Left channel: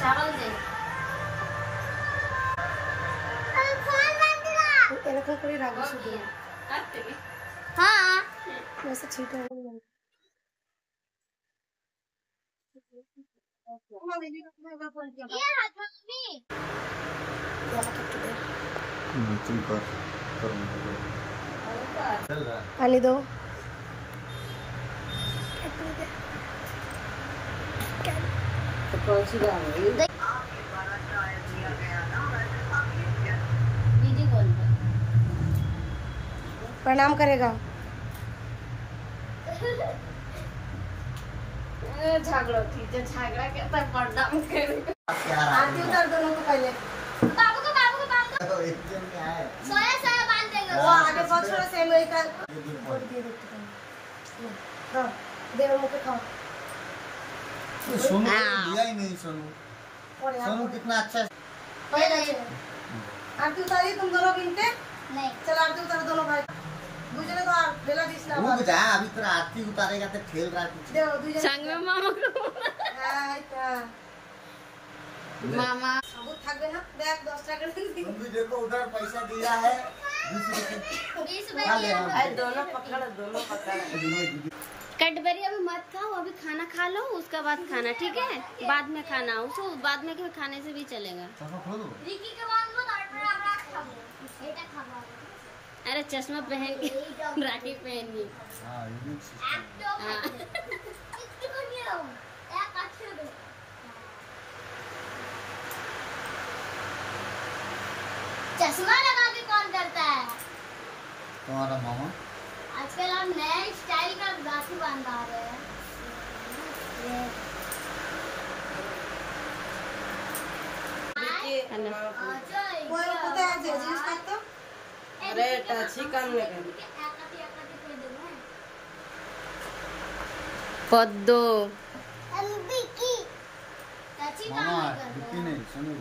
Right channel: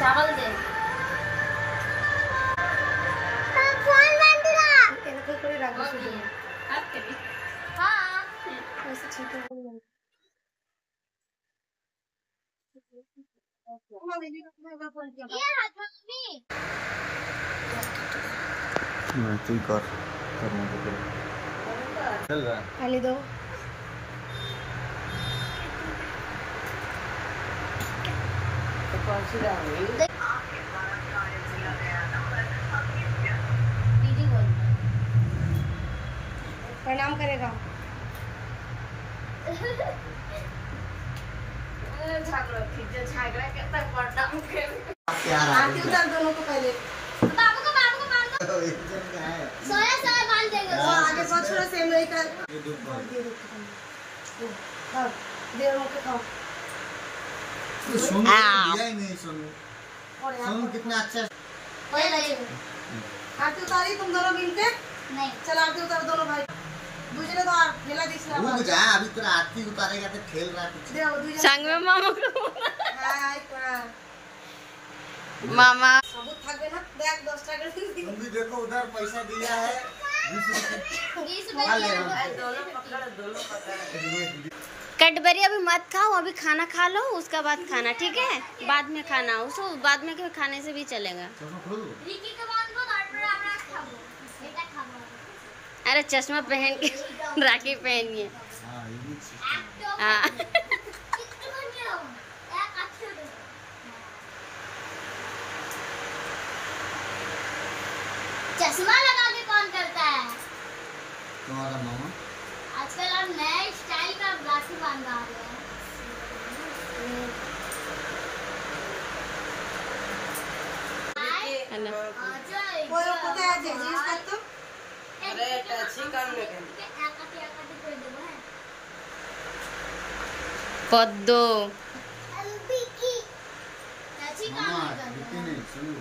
चावल दे फोन बंद कर এরকম করে রাখবি শুধু কাটতে हां ऐसे छींटे हो गए मम्मा बेबी को मैं फोन किया ये हाथ मम्मी नहीं तुम कर पानी दो प्रणाम करेगा झगड़ा करता है प्रणाम करेगा आरती उतार दोनों को पहले बाबू को बांध दो एकदम क्या है सोया सोया बांध देगा आगे बहुत थोड़ा से अमेरिका हां दे मुझे खाओ सोनू दिया ही नहीं सोनू सोनू कितना अच्छा है आरती उतारी तुम दोनों मिलके नहीं चल आरती उतार दोनों भाई दूसरे तो ठेला दिसला रुक जा अभी तेरा आरती उतारेगा तो खेल रहा है कुछ संग में मामा को हाय कर मामा बहुत थकबे ना देख 10 टाका तुम भी देखो उधर पैसा दिया है 20 रुपए दोनों पकड़ कैडबरी अभी मत खाओ, अभी खाना खा लो, उसका बाद खाना, ठीक है? बाद में खाना, उसको बाद में खाने से भी चलेगा। अरे चश्मा पहन के राखी पहनिए। चश्मा लगा के कौन करता है? तुम्हारा मामा। आजकल हम नए स्टाइल का राखी बांधा रहे हैं। हेलो वो पता है जींस का तो अरे टची काम में पद्दो मामा बिकी नहीं सुनो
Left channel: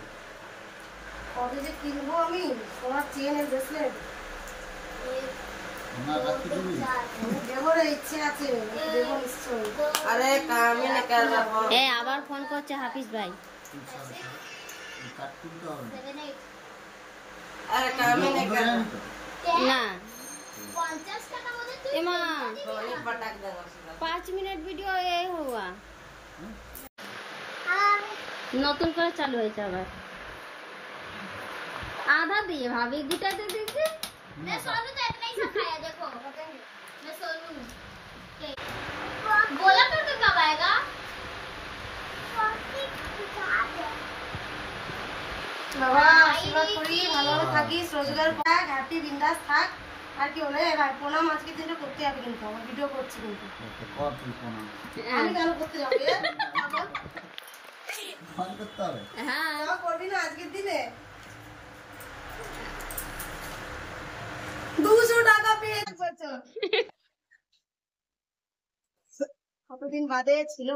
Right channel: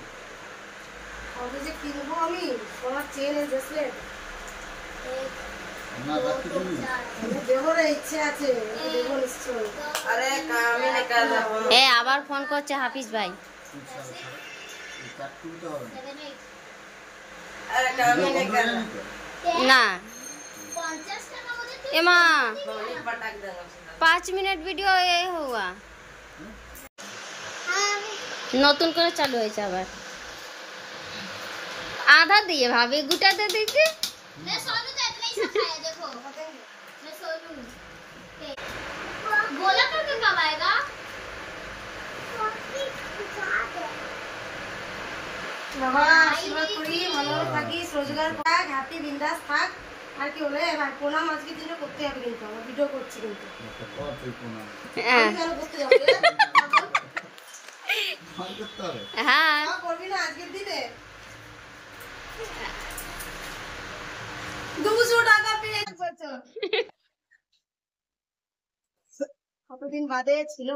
और जे किनबो আমি তোমার চেন এর ব্রেসলেট ना रख दो দেবো রে ইচ্ছে আছে দেবো নিশ্চয় अरे काम ही निकल रहा এ আবার ফোন করছে হাফিজ ভাই। अरे काम ही निकल না 50 টাকা মধ্যে তুই এমা पटक देंगे 5 মিনিট ভিডিও এ हुआ हां নতুন করে চালু হয়েছে আবার। आधा दिए भाभी, गुटा दे दीजिए। मैं सोनू तो इतना ही खाया देखो मैं सोनू बोला कर तू कब आएगा বাবা আশীর্বাদ করি ভালোভাবে থাকিস রোজগার কর হ্যাপি বিন্দাস থাক আর কি বলে ভাই প্রণাম আজকে দিনটা করতে হবে কিন্তু আমরা ভিডিও করছি কিন্তু कौन तुम कोना আমি কেন করতে যাব রে कौन करता है हाँ করবি না আজকের দিনে 200 টাকা পেয়ে বছর কতদিন বাদে ছিল